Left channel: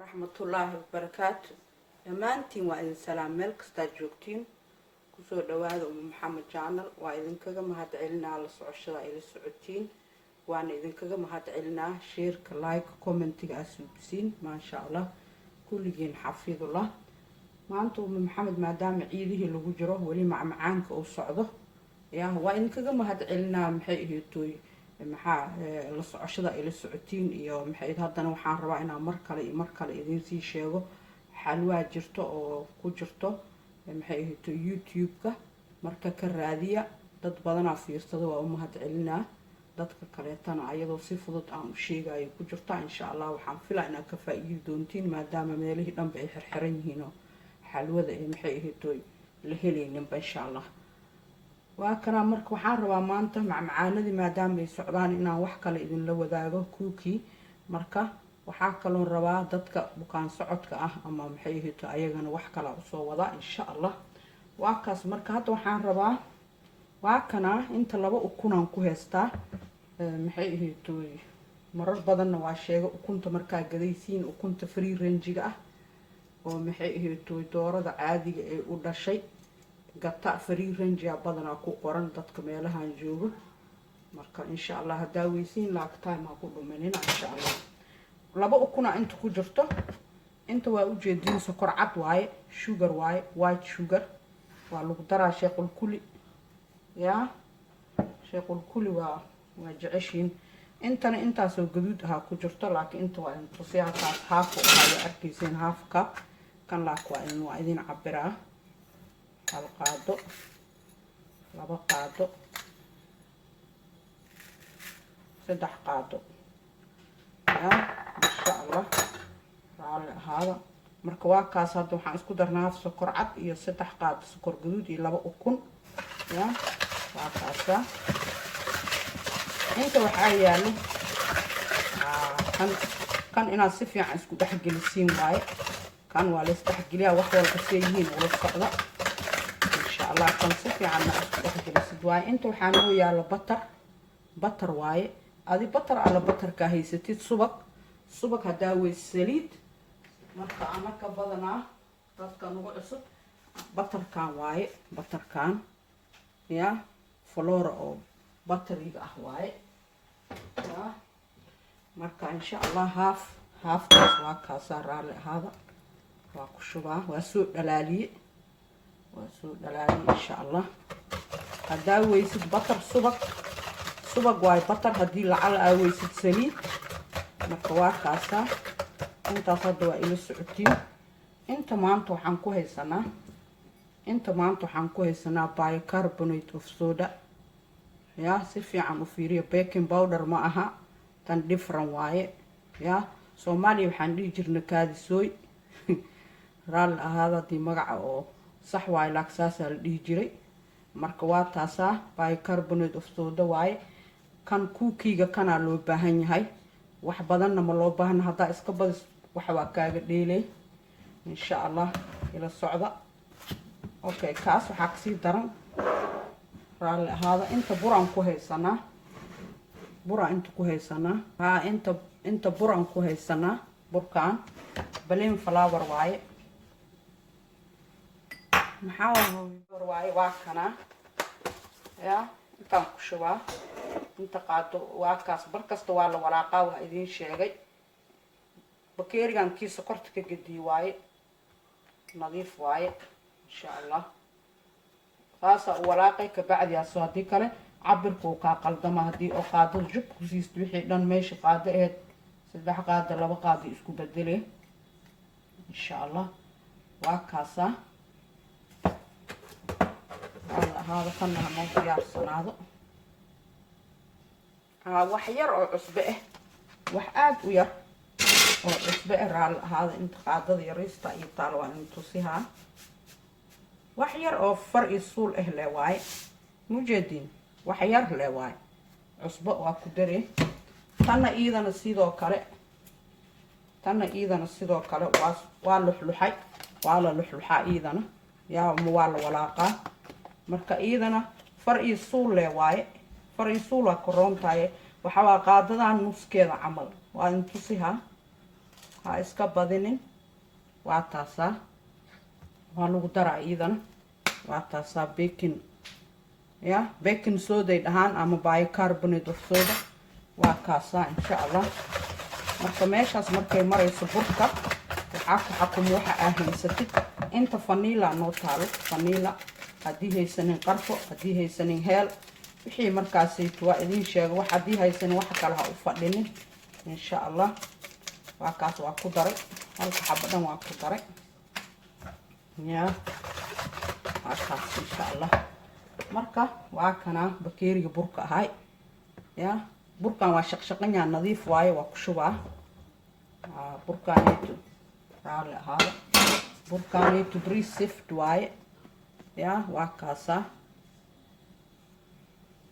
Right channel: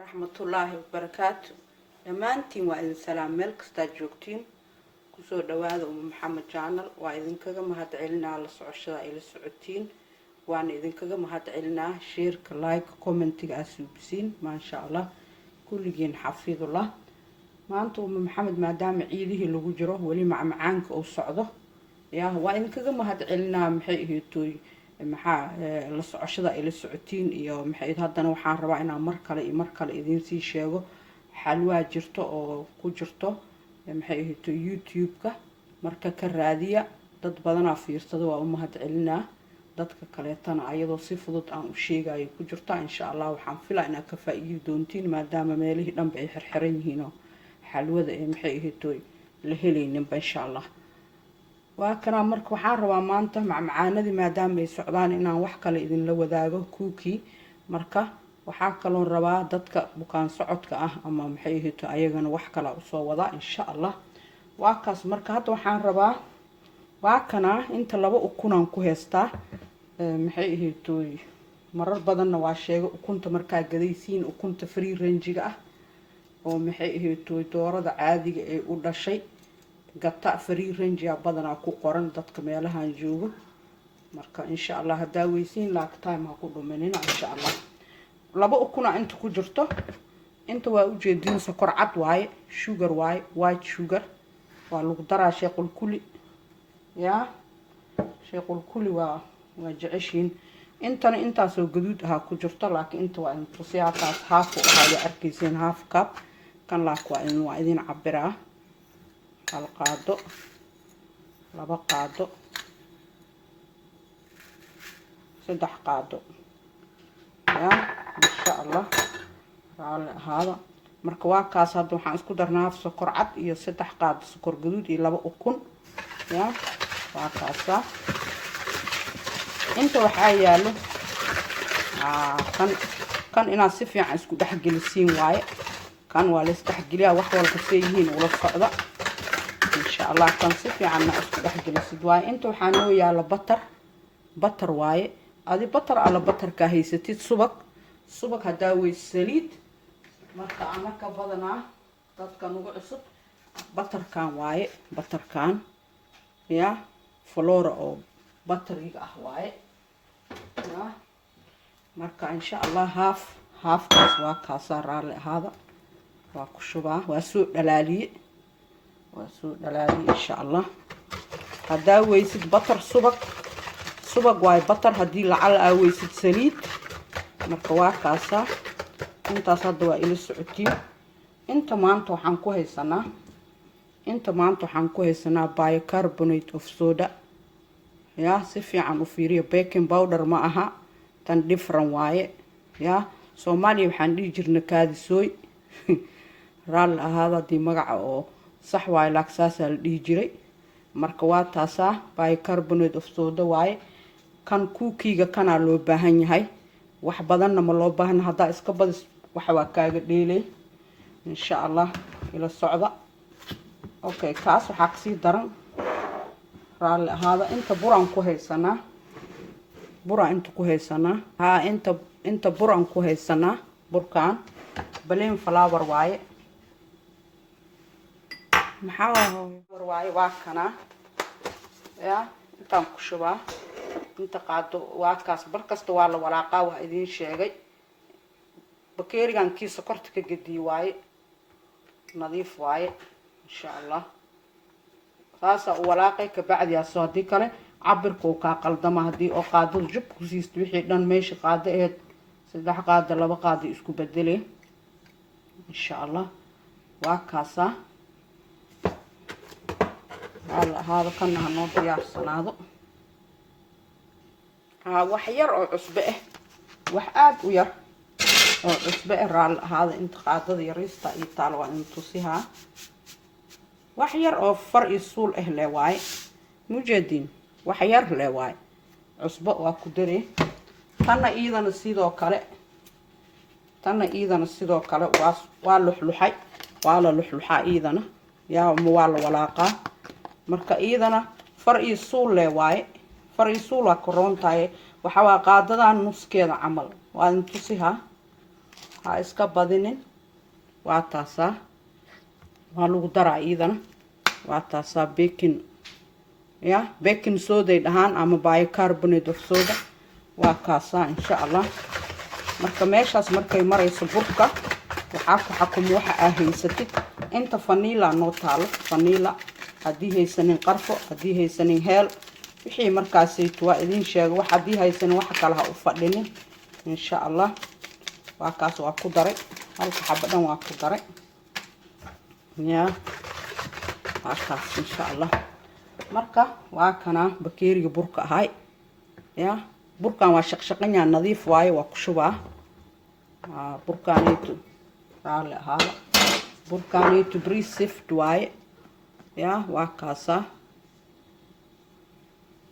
ورحمة الله وبركاته. دمانتين وإذن سلام ملك استاجوكتين كسو دواد محمد جانل وإذن كذا مهد علنا على الصعشة إلى السعودين وأنا إذن كذا مهد علنا شير لايك كومنتي أسوبسين ما شاء الله كل جين حفيظ الله ما أنتم محمد ما دام عيده اللي وجره ولي معانك أو صعده يا وإذن كذا مهد علنا محيه توي maxaa la socoshada ila socotiin iyo maxay hadana waxaan rabaa inaan mar kale idin sii sheego xalwaa jirto oo ku jirto maxay ahayto YouTube-ka marka ka raadiya dad badan fiirsado waa u mahad celinaa dadka kaleetana ayadoo si fudud aan u sheegayo ku jirto insha Allah waxaan filayaa inaad ka faa'iido doontiin maadaama meelihii dhanba ay xirxiran yihiin oo xalwada ee maxay ahayto la helaynin insha Allah وكنا مرك وحار وما أنت مع معاندي ما دام بيسعدان إن وحكة لإذن لو ذاقه كوكي مركا وحاكلون ربا دتك بكان صعدك أما محيه تأيجن وحكة لأصوّدا إن شاء الله وكاس مركات وحار ربا وكنا أنت لو أكون كوهستا محيه توي مرر بدن وعشيء وكنت مركا جديسين وكنت فري رينجيجا ومحيه توي تورد عادي ولا شيء قطع فري رينج يا بدنا ku qoran dadka meelahan jooga marka insha Allah hadaawaysiin laagtaan ma ku dhuminina insha Allah laba ukuna inta ku jirto inta waa u jeedin sokor cad waaye sugar waaye white sugar waa lagu daraa sheequl kuli ya sheequl kuli waa jeceshiin intana intaas oo gaduud ah ku jirto laakiin inta waa inta siyaaqaas haaf oo ay arkaysiin half cup kan la waa idin cabiraa القادو لبا قادو سدح قادو يا ما شاء الله على هذا مركوا كاس هذا waxaan isku darnaa sokor cad iyo saddex qaad sokor gaduud iyo laba ukun ya waa kaasa inta waxa yaalo kan inaad si fiican isku dhex gelisiin waaye kan waa la isdhex geliyaa wax walba fiihiin wala socda الله كان صفي عنا أحد السدواء أنتوا حانوا يا على بطر واي هذه بطر على بطر كهي ستيت صبك هداوي السليد مركا عمك بدنا كانوا بعصب بطر كان واي بطر كان يا فلورا أو بطر يقع واي يا مركا إن شاء الله هاف كاسار على هذا وكشبه وسوء دلالي وسوء دلالي إن شاء الله هدا ويسد بطر صبق واي بطر هدي لعلى ويسد سليد مركوا كاسا انت صدوا إلى السعودين انت ما انتو حنكو هي سنة بايكربونات اوف صودا يا سفي عن وفيريا بيكنج باودر معها تن ديفرن واي يا سومالي وحندي جرنا كادي سوي رال هذا دي مقع صح واي لاكساس اللي جري مركوا تاسا بايكربونات اوف صودا واي كان كوكيغا كان لو باهن yahay wax badan ma loo baahan hada iska badis waxa waa kaaga dheelay insha Allah ila socda okay kaas waxa ka sii daran raal hada inta buran ku haysanaa inta buran ku haysanaa burkaan baleen flower waaye maxaa waaye waa kana ya intaan ku shubaa inta qaado waa kaas barkasta waa la walaaqaa waa idin sheegay bakeerigan kiisa korta ka gadiy waaye nadiif waaye insha Allah saasa walaaqay ka bacdi soo hadii kale cabirku ka qaldama hadii oo qaado jub ku siisto wixii dhan meesha qaado ee saddex qaado laba qaado isku bedelay insha Allah waa kaasa هذا كنا هنوضع يا صنادق وحير أو عصبة وحاب وير أو عصبة الرال هذا انت قاعدة يريستا يطال وانتوسيها وحير أو فرق الصول واي مجدين وحير لواي عصبة وكدري تنا إذا نسيدو كله واللحلحي واللحلحي إذا يا موال ولاقة marka iyadana farqi suul leh waaye farqi suul waa korontaay waxa waa qaadadan nuskeeda camal waa intusiha ha iska badinin waa taasaa waa lagu daraa iidan waa taasaa baking soda dhahaan ama bicarbonate of soda waa kaasaa insha Allah marka meeshaas markay marayso burka waxaa ku xakumo waxa aad haysatid inta vanilla noo taalo vanilla haddii haysanin qarfo haddii haysanin heel wixii markaasaytu waa idin sheego wax haddii haysanin waxa kale ha u fadhinin insha Allah waa kaas waa ku daray halka xabadhan waa ku daray waa kaas insha Allah marka waa kana bakeeriga burka ahay burkan waa shaqshaqanya nadiif waaye waa ku shubaa burkaanaytu raali ahaada burkaanaytu pre-sift waaye waa kaasaa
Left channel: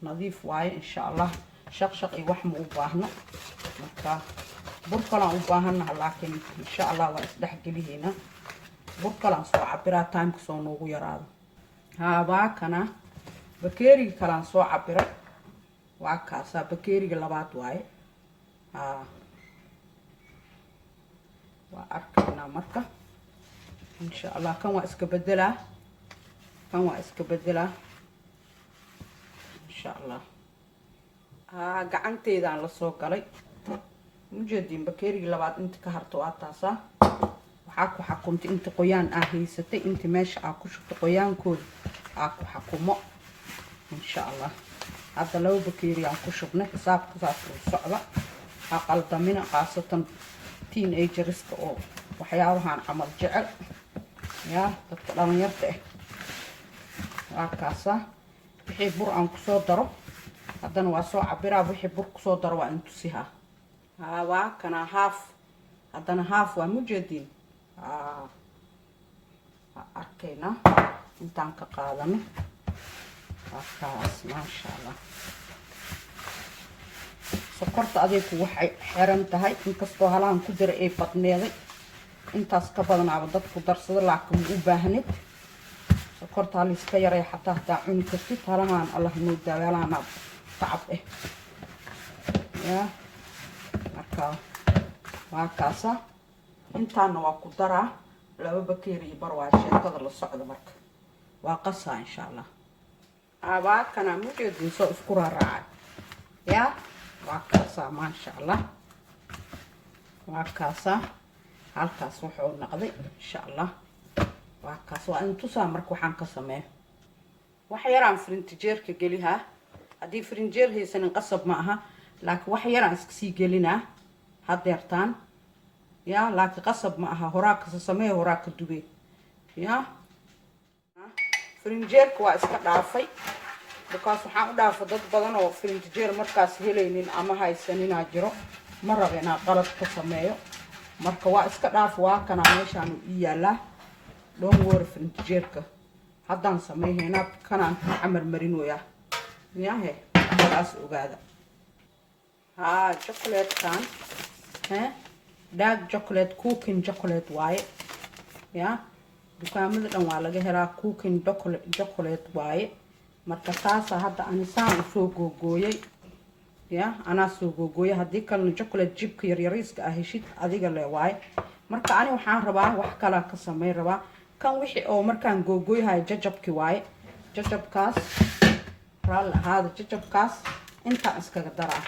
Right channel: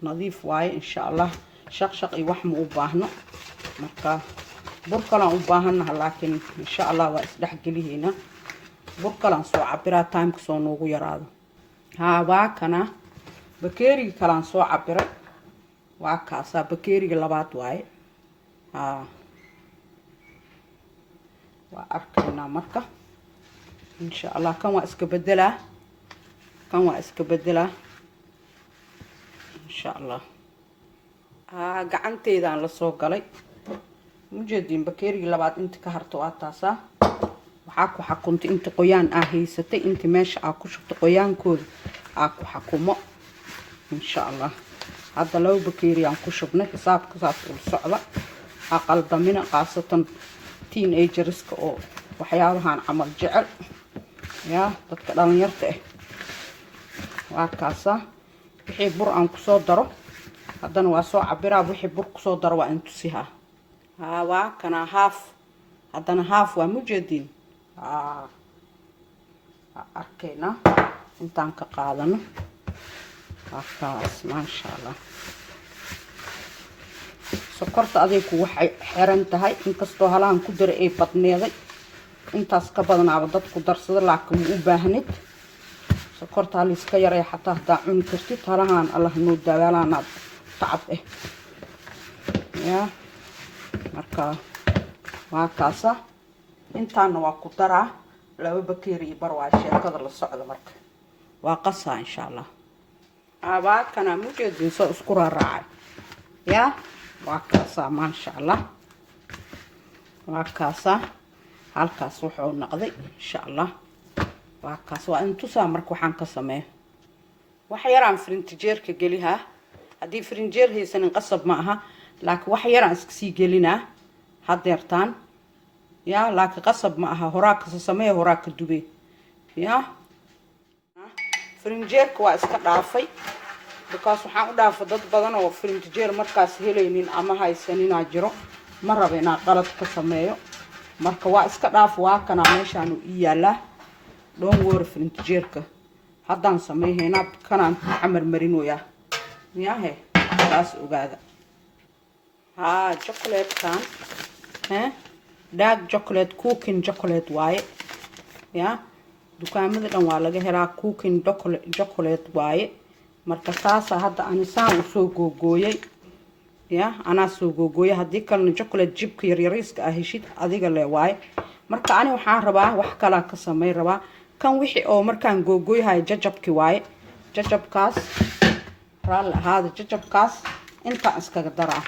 nadiif waaye insha Allah shaqshaq iyo wax ma u baahno marka bur kalaan u baahanaha laakiin insha Allah waa isdhexgelihayna bur kalaan soo cabiraa timeka soo noogu yaraado waa kana bakeeriga kalaan soo cabiray waa kaasaa bakeeriga labaad waaye waa arkaynaa marka insha Allah kan waa iska bedelaa insha Allah gacanteydaan la soo galay mujeedin bakeeriga labaad inta ka harto waa taasaa waxaa ku xakuntay inta qoyaan aa haysatay inta meesha aa ku shubtay qoyaankooda aa ku xakumo insha Allah hadda laba bakeeri aan ku shubnay xisaabka saas u socda ha qaldamina qaasatan teenagerska oo waxyaabahan camal jecel dadka dhalinyarta waa kaasaa wixii bur aan ku soo daro haddana waa soo cabiraa wixii bur ku soo daro waa in tusihaa waa kana haaf haddana haaf waa mujeedin arkayna intaan ka qaadano maasha Allah sokorta adigu waxay xiran tahay inkastoo halaan ku diray ay badneeday intaas ka badanaaba dadku darsada laakiin u baahnid sokorta la iska yaray xataa hadaa cuni kartid halahan Allah noo dagaalana tacab marka waa kaasa intaana waa ku daraa laba bakeeri bar waa sheekada la socda marka waa qasaa insha Allah waa kana mujeedin soo isku raacay waa kaasaa maasha Allah waa kaasaa halkaas wuxuu noqday insha Allah waa kaas waa intusaa marka waxaan ka sameeyo wax yaraan frintijeerka gelihaa haddii frinjeer haysanin qasab ma aha laakiin wax yaraan iska sii gelinaa hadeertaan laakiin qasab ma aha horaa ka sameeyo horaa ka dubay frinjeerka waa iska dhaafay because waxaan u dhaafay dad badan oo frinjeer markaas helaynin ama haysanina jiro ma rabo inaan qalad ka sameeyo marka waa iska dhaaf waa kana meeshaan u yaalaa don't worry frinjeerka haddaan sameeynaa kanaan xamar marinoya taas ogaada chocolate kan dark chocolate cooking chocolate waaye dukaamada dhan waa laga helaa cooking chocolate waaye marka taasa hadda anisaan u soo googooyay anaa soo googooyay haddii kalena chocolate jibka yaryariiska ah heshid adiga le waaye marka ani waxaan rabaa wax kalaa ka samey rabaa kan wixii oo markaan googooyahay jajabki waaye jajabkaas raali ahaada jajabkaas intaan iskaga daraa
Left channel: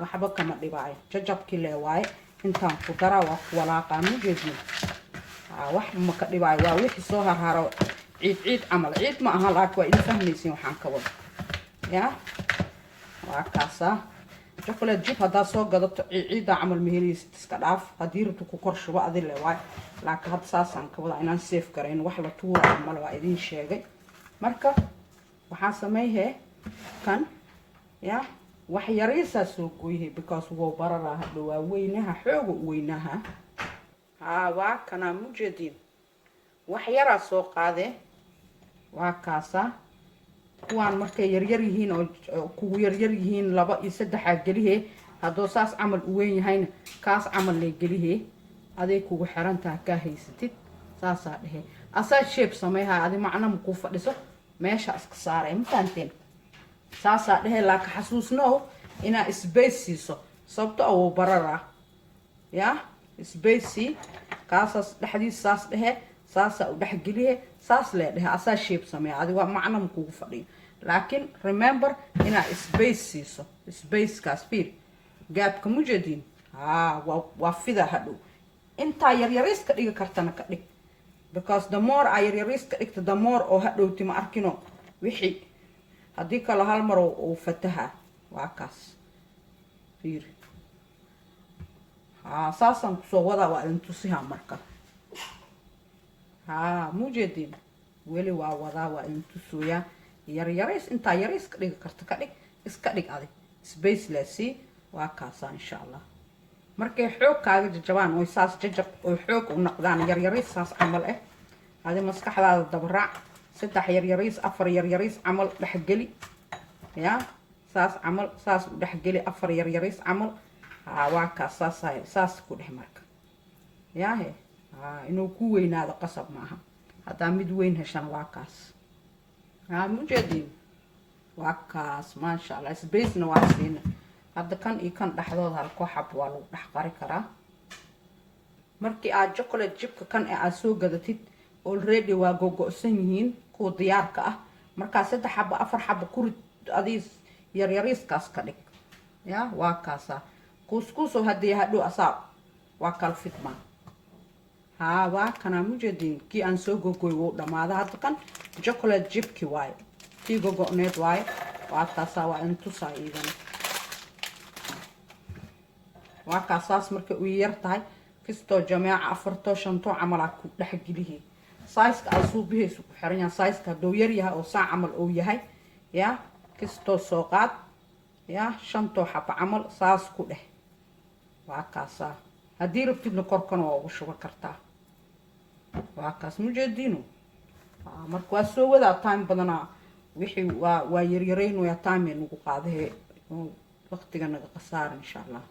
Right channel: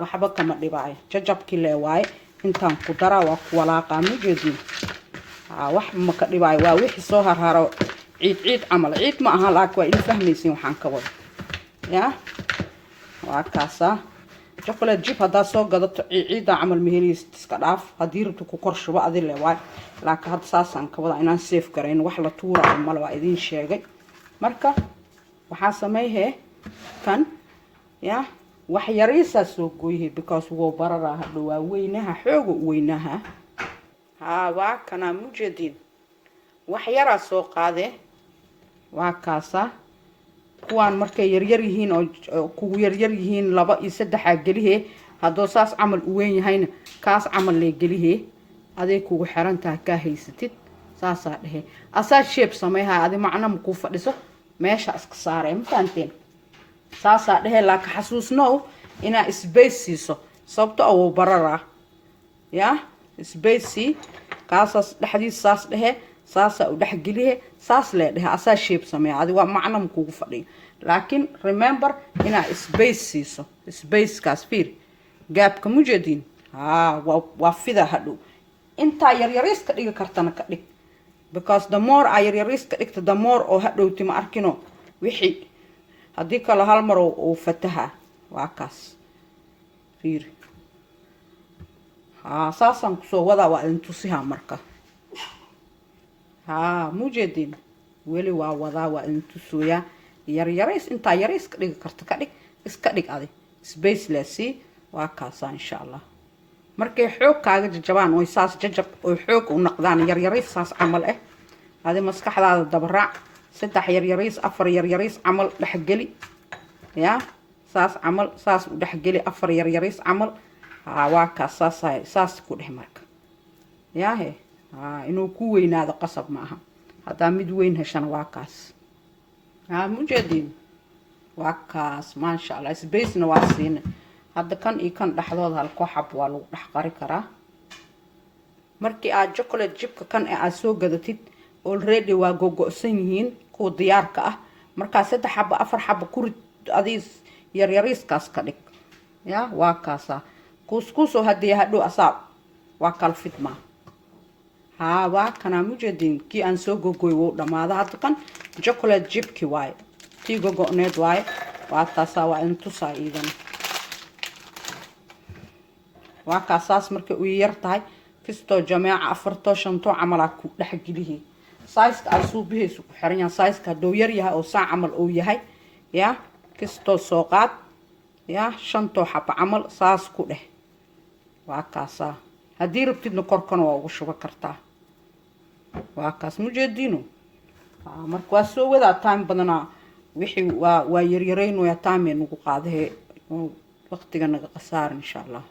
waxba kama dhibaayo jajabki le waaye intaan ku daraa waa ku walaaqaa mujeedin wax ma ka dhibaayo waa wixii soo harharo ciid camal ciid ma aha laakiin waa ila fahmaysiin waxaan ka wado waa kaasaa chocolate chip haddaa soo gadato ciida camal mehelaysid iska dhaaf haddii rabto ku kor shubo adi le waay laakiin hadda saasaan ka wada inaan safe garayn wax la tuura male waa idiin sheegay marka waxaa sameeyhee kan wax yariisaa soo gooyhay because wuu bararaa hadha waa weynaha xooga u weynaha waa kanaa mujeedin wax yaraa soo qaadee waa kaasaa kuwaan markay yaryar yihiin oo kugu yaryar yihiin 2 iyo 3 gelihee haddoo saas camal u weyn yahayna kaas camal lee gelihee aday kugu xirantaha kaa haysatid saasaa dhehe asaa shape sameeyha adi macna ma ku fadhiso meesha iska saaree mafaanteen saasaa dhehe laakiin xasuusnow inaa space siiso sababto oo bararaa سبيسي كاساس دحدي ساس ده ساسا ودحجليه ساس له ده أساس شيب سمي هذا ومعنى مكوف فري لكن remember هنا سبيسي سبيس كاسبير جاب كموجدين وفيدا هادو انت يريس كديك كرتنا كديك because the more يريس كديك the more او هادو تيما أركينو وحي هديك على هالمر وفتها وعكاس فير ساسا كسو ودا وانتوسيها مركا موجدين ولي ودا وانتوسويا يريس انت يريس كديك كرتكديك اسكديك ادي سبيس لسي وعكاسا ان شاء الله markay xoog kaaga jajabaan way saas jajab oo xoog u noqdaan yaryariis saas camal ah hadi maskaxdaada dabraac saddex yaryariis afar yaryariis camal dhaxgeli ya saas camal saas u dhaxgeli afar yaryariis camal waa ka saas ku dhex marka ya he inuu ku weynaado qasab maaha hadaa mid weyn heshan waa kaas mujadin waa kaas ma sha Allah space-na waa siina hadda kan iyo kan dhaxdooda hal kooxab waa lagu dhax qari karaa markii aad chocolate chipka kan aad soo gadatid already waa gogo'san yihiin ku diyaarka ah marka saddex xabo afar xabo ku rid adiis yaryariiskaas ka dhig ya waa kaasa kuskuso hadii hadhow asaab waa kal fitma waa kana mujadin kii aan soo gogoy wuu dhamaada hadda kan chocolate chipki waay tii gogo'need waay waa taasa waa intu saayidan وكاساس مركي ويرتاي كستو جماعة أفرتو شنتو عملا كو دحجليه سايس كاسو به سو خيرنا سايس كدو يريها أو ساعة عمل أو يهاي يا كستو سوقات يا شنتو حب عمل ساس كو ده وكاسا هدي ربتي نكركن وشو بكرتا وكاس مجدينو مركو سو ودا تايم بدنا وحي ويريرين ويا تايم نكو قاده وقتنا نقصار إن شاء الله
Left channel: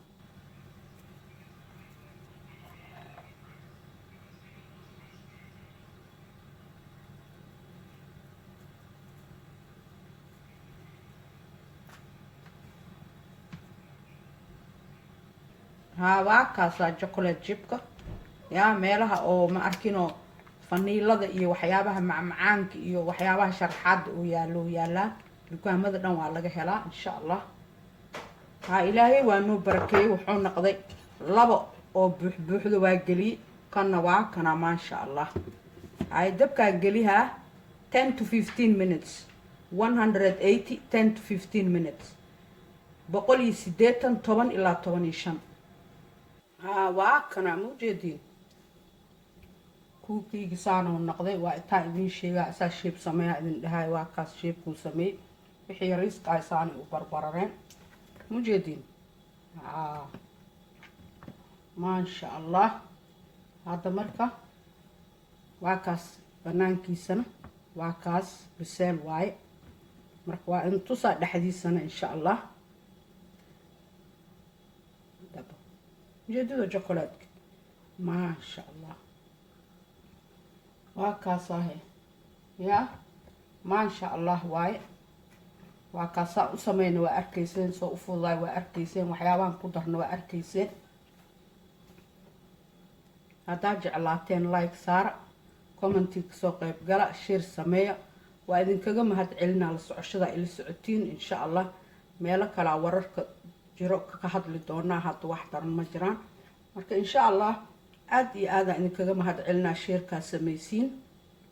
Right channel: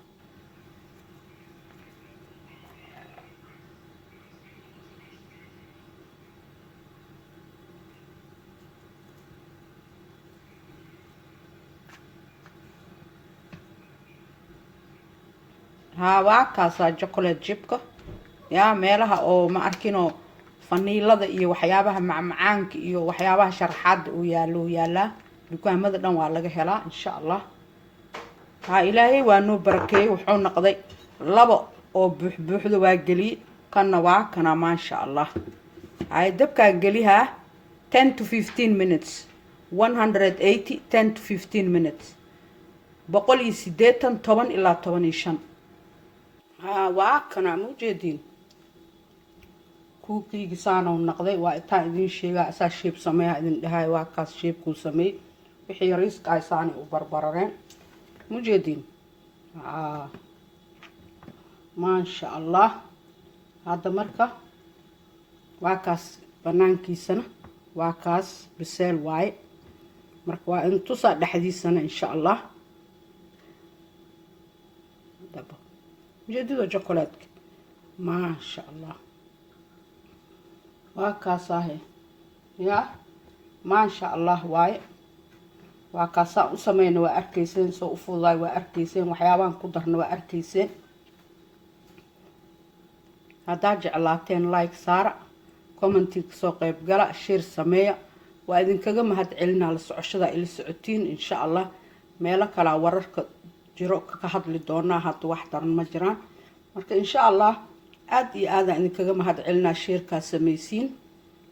وكاسا chocolate chipka يا meelaha oo ma arkino faniilada iyo waxyaabaha macmacaanka iyo waxyaabaha sharxaad oo yaala dukaamada dhan waa laga helaa insha Allah ilaahay waa noo barakeey wuxuu noqday labo oo buuxdo waa gali kana waa kana ma sha Allah ay dabka galiha 10 to 15 minutes 180 10 to 15 minutes boqol iyo 80 10 ilaa 15 وكنا موجودين كوكي جسانا ونقضي وإتاعدين شيء أساس شيب سميها إذن هاي واكاس شيب كل سمي وحي ريسك عيساني وبربرين موجودين ما شاء الله هذا مركة واكاس بنانكي سنة واكاس بسيل واي مركة انتو صاد حديث سنة إن شاء الله دبا جديد وشوكولات ما شاء الله وكاساه يا ما شاء الله واي وكاسا وسمين وأركيسين سو فوضاي وأركيسين وحيوان قدرنا وأركيسين هذا جعلاتين لايك صار كومنتي سو قيب قلا شير سمية وإذن كجم هتعلنا للسعشدة إلى سعتين إن شاء الله مالك على ورك جروك كهدل دونا هات واحد مجران marka insha Allah aad iyo aad aan kaga mahad celinaa sheerka sameeysiin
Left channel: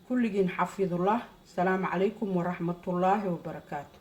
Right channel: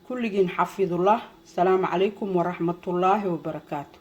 kulligiin xafidullah salaamu calaykum wa rahmatullaahi wa barakaatuh